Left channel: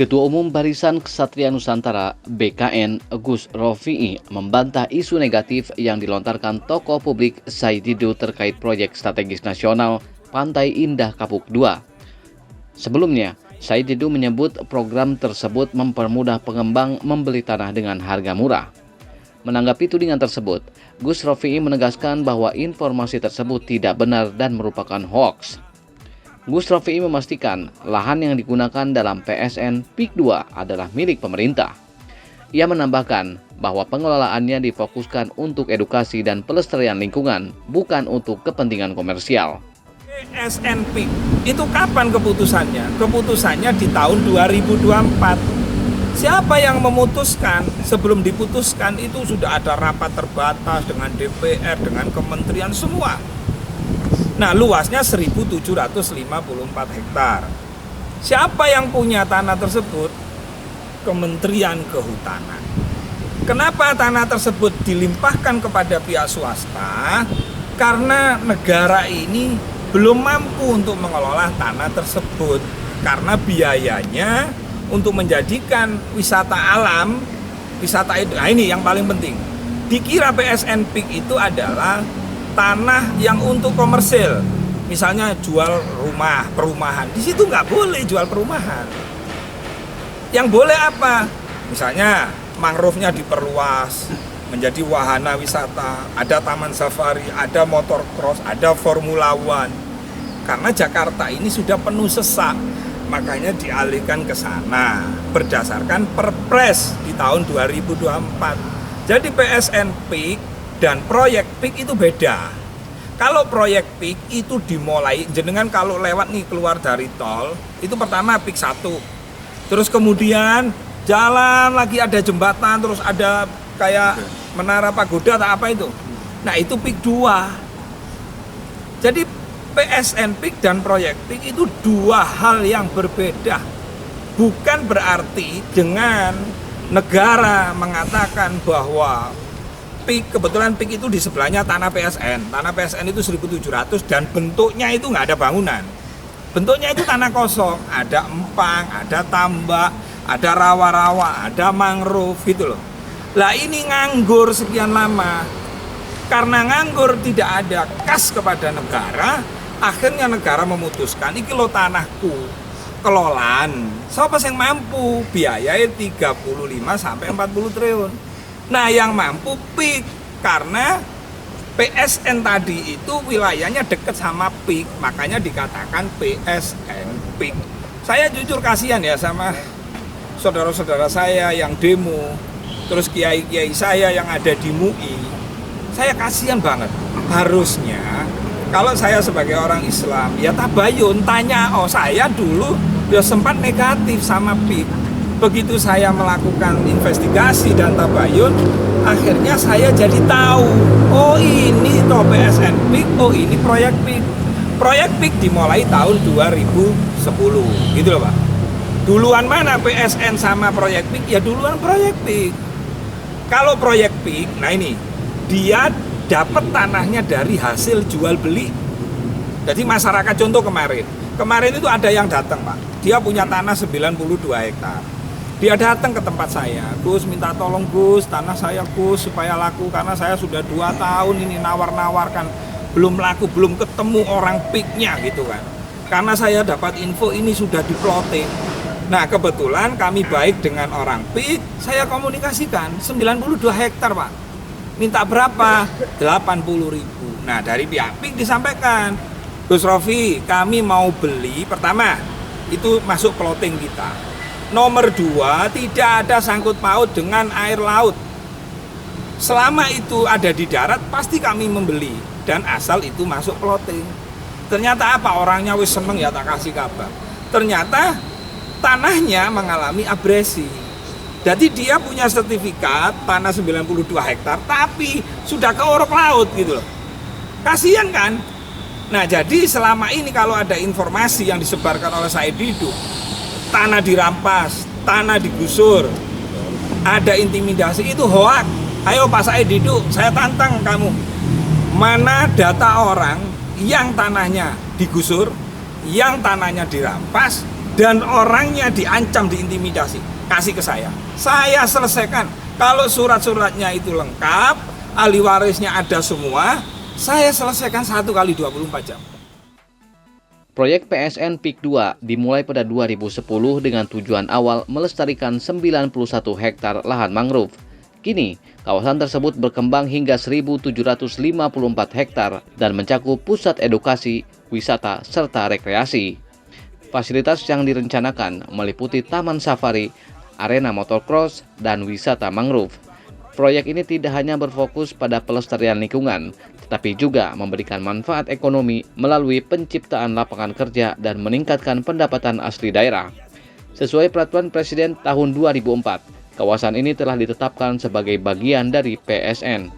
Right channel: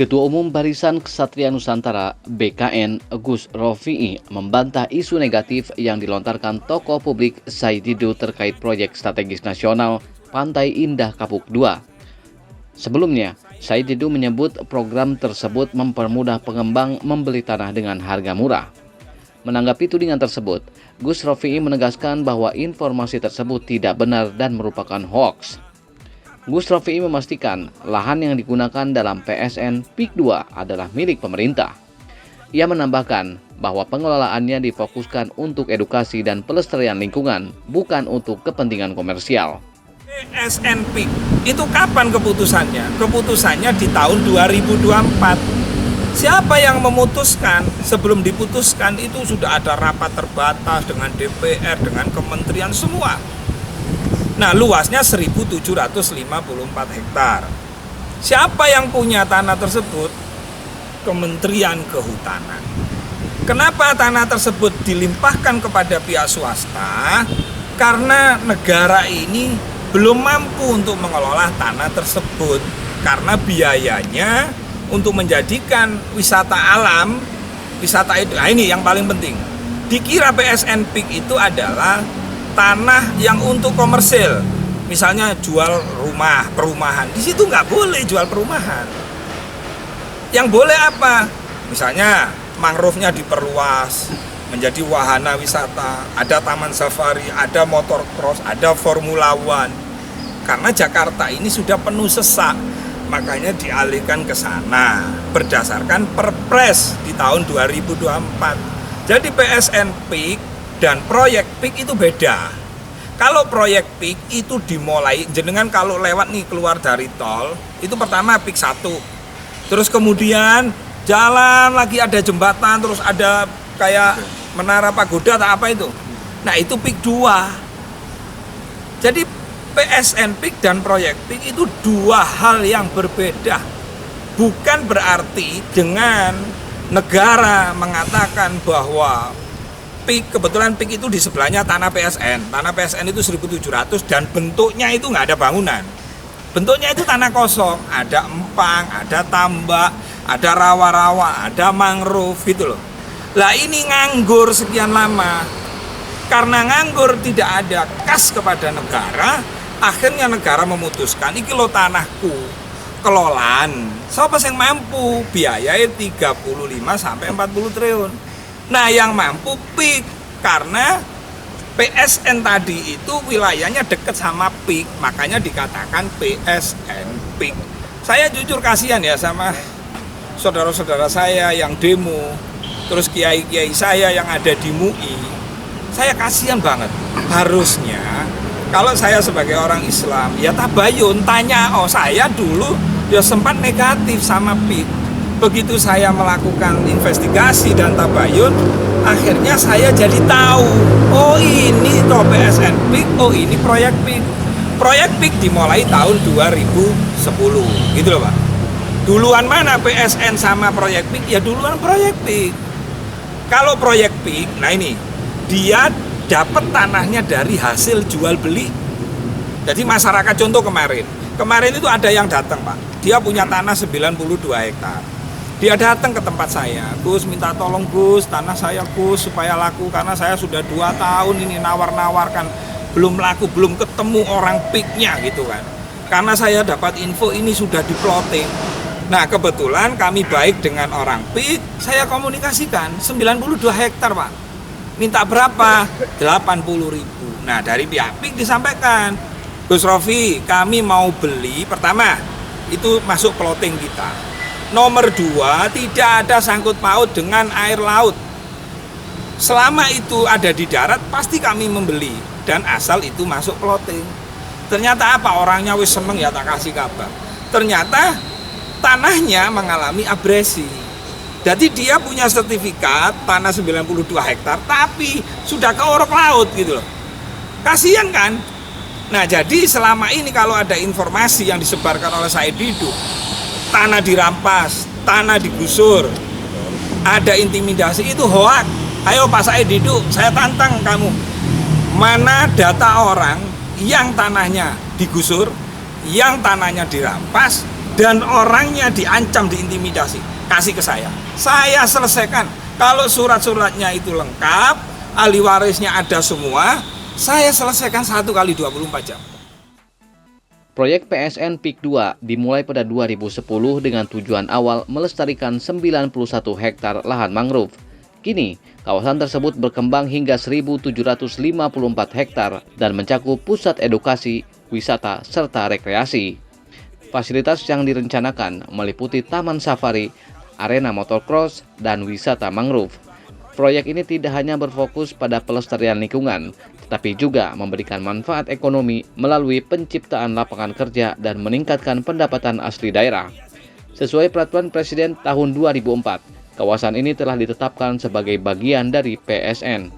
Ketua Umum Barisan Ksatria Nusantara (BKN) Gus Rofi'i membantah isu negatif yang dilontarkan tokoh publik Said Didu terkait proyek strategis nasional Pantai Indah Kapuk II. Sebelumnya, Said Didu menyebut program tersebut mempermudah pengembang membeli tanah dengan harga murah. Menanggapi tudingan tersebut, Gus Rofi'i menegaskan bahwa informasi tersebut tidak benar dan merupakan hoaks. Gus Rofi'i memastikan lahan yang digunakan dalam PSN PIK 2 adalah milik pemerintah. Ia menambahkan bahwa pengelolaannya difokuskan untuk edukasi dan pelestarian lingkungan, bukan untuk kepentingan komersial. PSN PIK itu kapan keputusannya? Keputusannya di tahun 2024. Siapa yang memutuskan? Sebelum diputuskan itu sudah ada rapat terbatas dengan DPR, dengan kementerian semua. Nah, luasnya 1.754 hektar. Siapa yang punya tanah tersebut? Kementerian Kehutanan. Kenapa tanah tersebut dilimpahkan kepada pihak swasta? Karena negara ini belum mampu untuk mengelola tanah tersebut. Karena biayanya untuk menjadikan wisata alam, wisata itu, nah ini yang paling penting. Dikira PSN PIK itu adalah tanah yang untuk komersil, misalnya jual rumah, perumahan. Di situ nggak boleh jual perumahan. Yang boleh apa? Misalnya mangrove-nya diperluas menjadi wahana wisata, ada taman safari, ada motor cross, ada Formula One. Karena Jakarta ini sudah penuh sesak, makanya dialihkan ke sana berdasarkan Perpres di tahun 2024. Jadi PSN PIK dan proyek PIK itu beda. Kalau proyek PIK itu dimulai, jenengan kalau lewat nih keluar dari tol, itu pertama PIK 1. Terus kemudian jalan lagi ada jembatan, terus ada kayak menara pagoda atau apa itu. Nah itu PIK 2. Jadi PSN PIK dan proyek PIK itu dua hal yang berbeda. Bukan berarti dengan negara mengatakan bahwa PIK, kebetulan PIK itu di sebelahnya tanah PSN. Tanah PSN itu 1.700 dan bentuknya itu nggak ada bangunan. Bentuknya itu tanah kosong, ada empang, ada tambak, ada rawa-rawa, ada mangrove gitu loh. Lah ini nganggur sekian lama. Karena nganggur tidak ada kas kepada negara, akhirnya negara memutuskan, iki lo tanahku, kelolaan. Siapa yang mampu? Biayanya 35-40 triliun. Nah yang mampu PIK, karena PSN tadi itu wilayahnya dekat sama PIK, makanya dikatakan PSN PIK. Saya jujur kasihan ya sama saudara-saudara saya yang demo, terus kiai-kiai saya yang ada di MUI. Saya kasihan banget. Harusnya kalau saya sebagai orang Islam ya tabayun, tanya, oh saya dulu ya sempat negatif sama PIK. Begitu saya melakukan investigasi dan tabayun, akhirnya saya jadi tahu, oh ini toh PSN PIK, oh ini proyek PIK. Proyek PIK dimulai tahun 2010, gitu loh Pak. Duluan mana PSN sama proyek PIK? Ya duluan proyek PIK. Kalau proyek PIK, nah ini, dia dapat tanahnya dari hasil jual beli. Jadi masyarakat, contoh kemarin itu ada yang datang Pak, dia punya tanah 92 hektar. Dia datang ke tempat saya, Gus minta tolong Gus, tanah saya Gus supaya laku, karena saya sudah 2 tahun ini nawar-nawarkan, belum laku, belum ketemu orang PIK-nya gitu kan. Karena saya dapat info ini sudah diploting. Nah kebetulan kami baik dengan orang PIK, saya komunikasikan 92 hektar Pak. Minta berapa? 80.000. Nah dari pihak PIK disampaikan, Gus Rofi, kami mau beli, pertama itu masuk plotting kita. Nomor 2, tidak ada sangkut paut dengan air laut. Selama itu ada di darat, pasti kami membeli. Dan asal itu masuk plotting. Ternyata apa? Orangnya wis seneng ya, tak kasih kabar. Ternyata tanahnya mengalami abrasi. Jadi dia punya sertifikat tanah 92 hektar, tapi sudah ke orok laut gitu loh. Kasian kan? Nah jadi selama ini kalau ada informasi yang disebarkan oleh Said Didu, tanah dirampas, tanah digusur, ada intimidasi, itu hoak. Ayo Pak Said Didu, saya tantang kamu. Mana data orang yang tanahnya digusur, yang tanahnya dirampas, dan orangnya diancam, diintimidasi, kasih ke saya selesaikan. Kalau surat-suratnya itu lengkap, ahli warisnya ada semua, saya selesaikan 1 kali 24 jam. Proyek PSN PIK 2 dimulai pada 2010 dengan tujuan awal melestarikan 91 hektar lahan mangrove. Kini, kawasan tersebut berkembang hingga 1.754 hektar dan mencakup pusat edukasi, wisata, serta rekreasi. Fasilitas yang direncanakan meliputi taman safari, arena motocross, dan wisata mangrove. Proyek ini tidak hanya berfokus pada pelestarian lingkungan, tetapi juga memberikan manfaat ekonomi melalui penciptaan lapangan kerja dan meningkatkan pendapatan asli daerah. Sesuai peraturan Presiden tahun 2004, kawasan ini telah ditetapkan sebagai bagian dari PSN.